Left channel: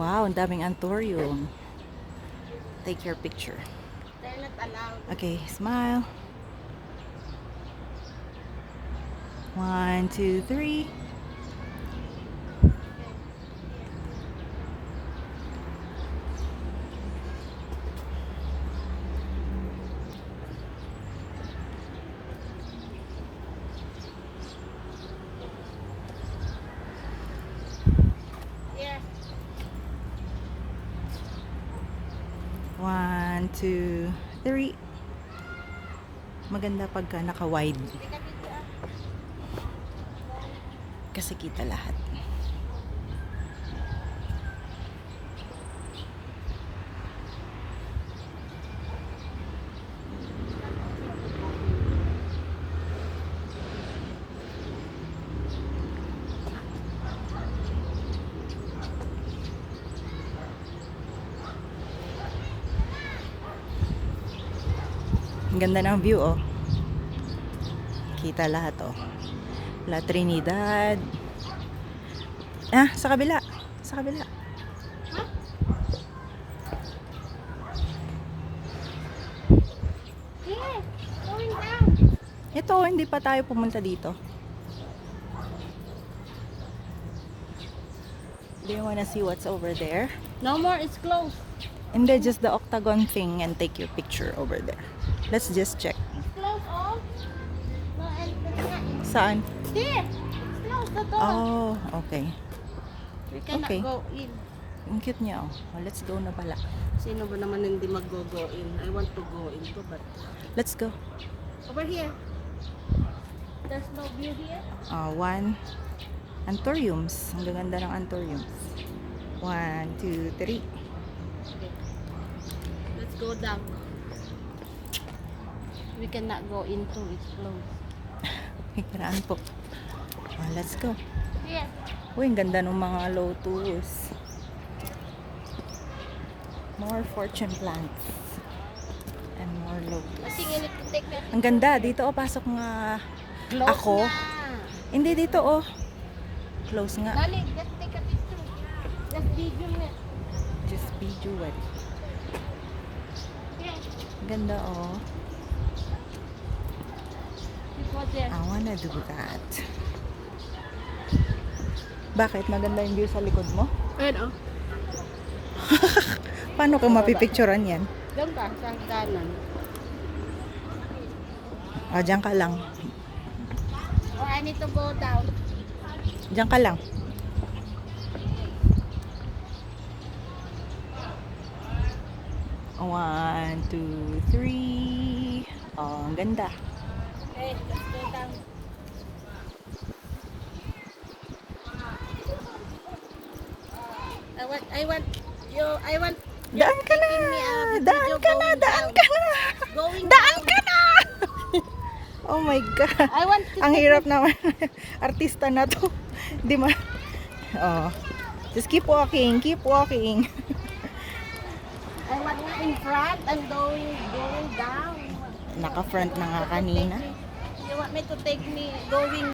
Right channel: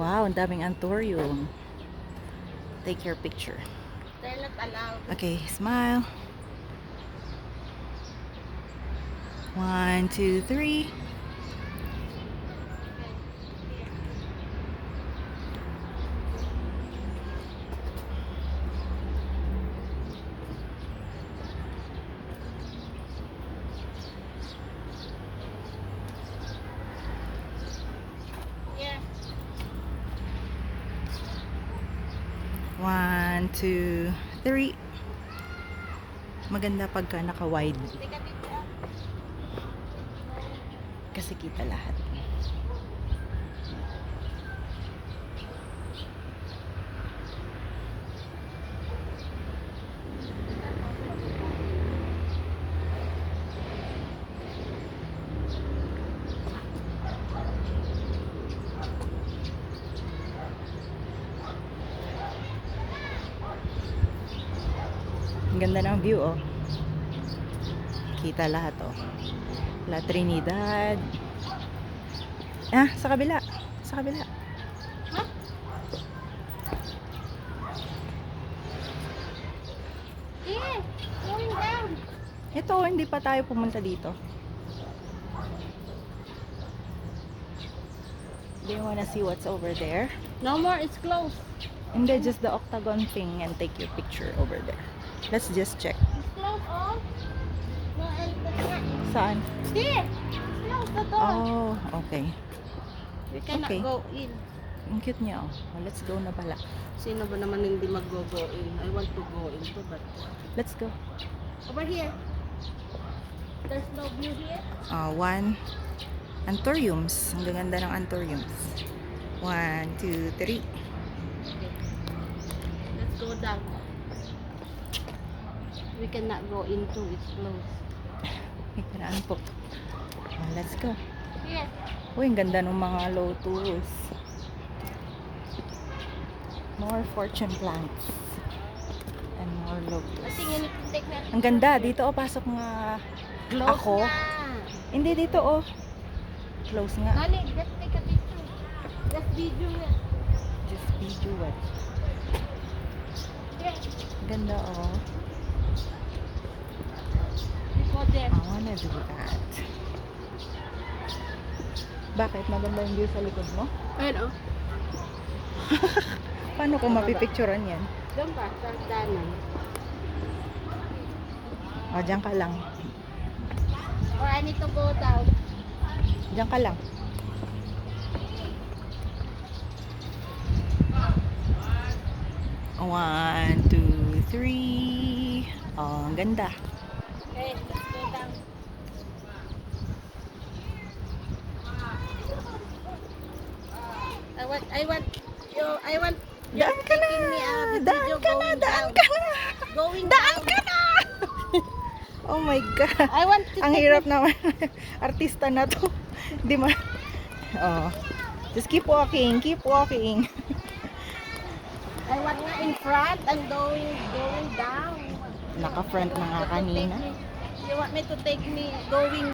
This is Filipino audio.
Wow, ang daming anthurium. Take your picture. They're not allowed. Okay, smile. 1, 2, 3. Yeah. 1, 2, 3. Maganda pagka naka-wide Teka dito ah. kasi kita lahat. Ang ganda ng view, oh. Kita lahat, oh. La Trinidad. Ah, sa kabila. Sa kabila. Yeah. Going down. Ito, hindi pa tayo pumunta dito. Do you wanna see what's over there? No more, it's closed. Hindi, just the octagon thing and take your picture over there. Let's just check. It's closed all. No, and Saan? there. Close the door. Oh, okay. We cannot okay. go in. Ang cute niya, oh. Oh, let's go na pala. Sino ba naman hindi mag-go in? I want to go into but Let's go. over here. There's no view here. One. Anthuriums. Ang gaganda ng anthuriums. 1, 2, 3. Okay. Let's go down. We cannot go into, it's closed. Iparaan po. Oh, let's go. Yeah. Uy, ang ganda ng mga lotus. More fortune plants. And more I lotus. think you need to take that. Ang ganda. Dito, oh, pasok nga. Close Ako? na. Hindi, dito, oh. Close nga. Dali, just take a picture. Just video na. Just be do it. Yeah. Ganda, oh. We go there. I wanna do that. Bakit? Maganda yung view sa likod mo? Ayun oh. Paano ko mapipicturean yan? Doon pa, sa hagdanan. O, dyan ka lang. Or I need to go down. Dyan ka lang. One, two, three. Oh, ang ganda. Okay, let's go down. I want you Daan ka na! taking me out of the Daan video ka na! going Daan down. ka na! Going Daan down. ka na! Oh my God. I want to Ang take hirap naman. Artista na to. Di ma... Oh. Just keep walking. Keep walking. I want nga in front and going down. Naka-front na nga kanina. You want me to take me going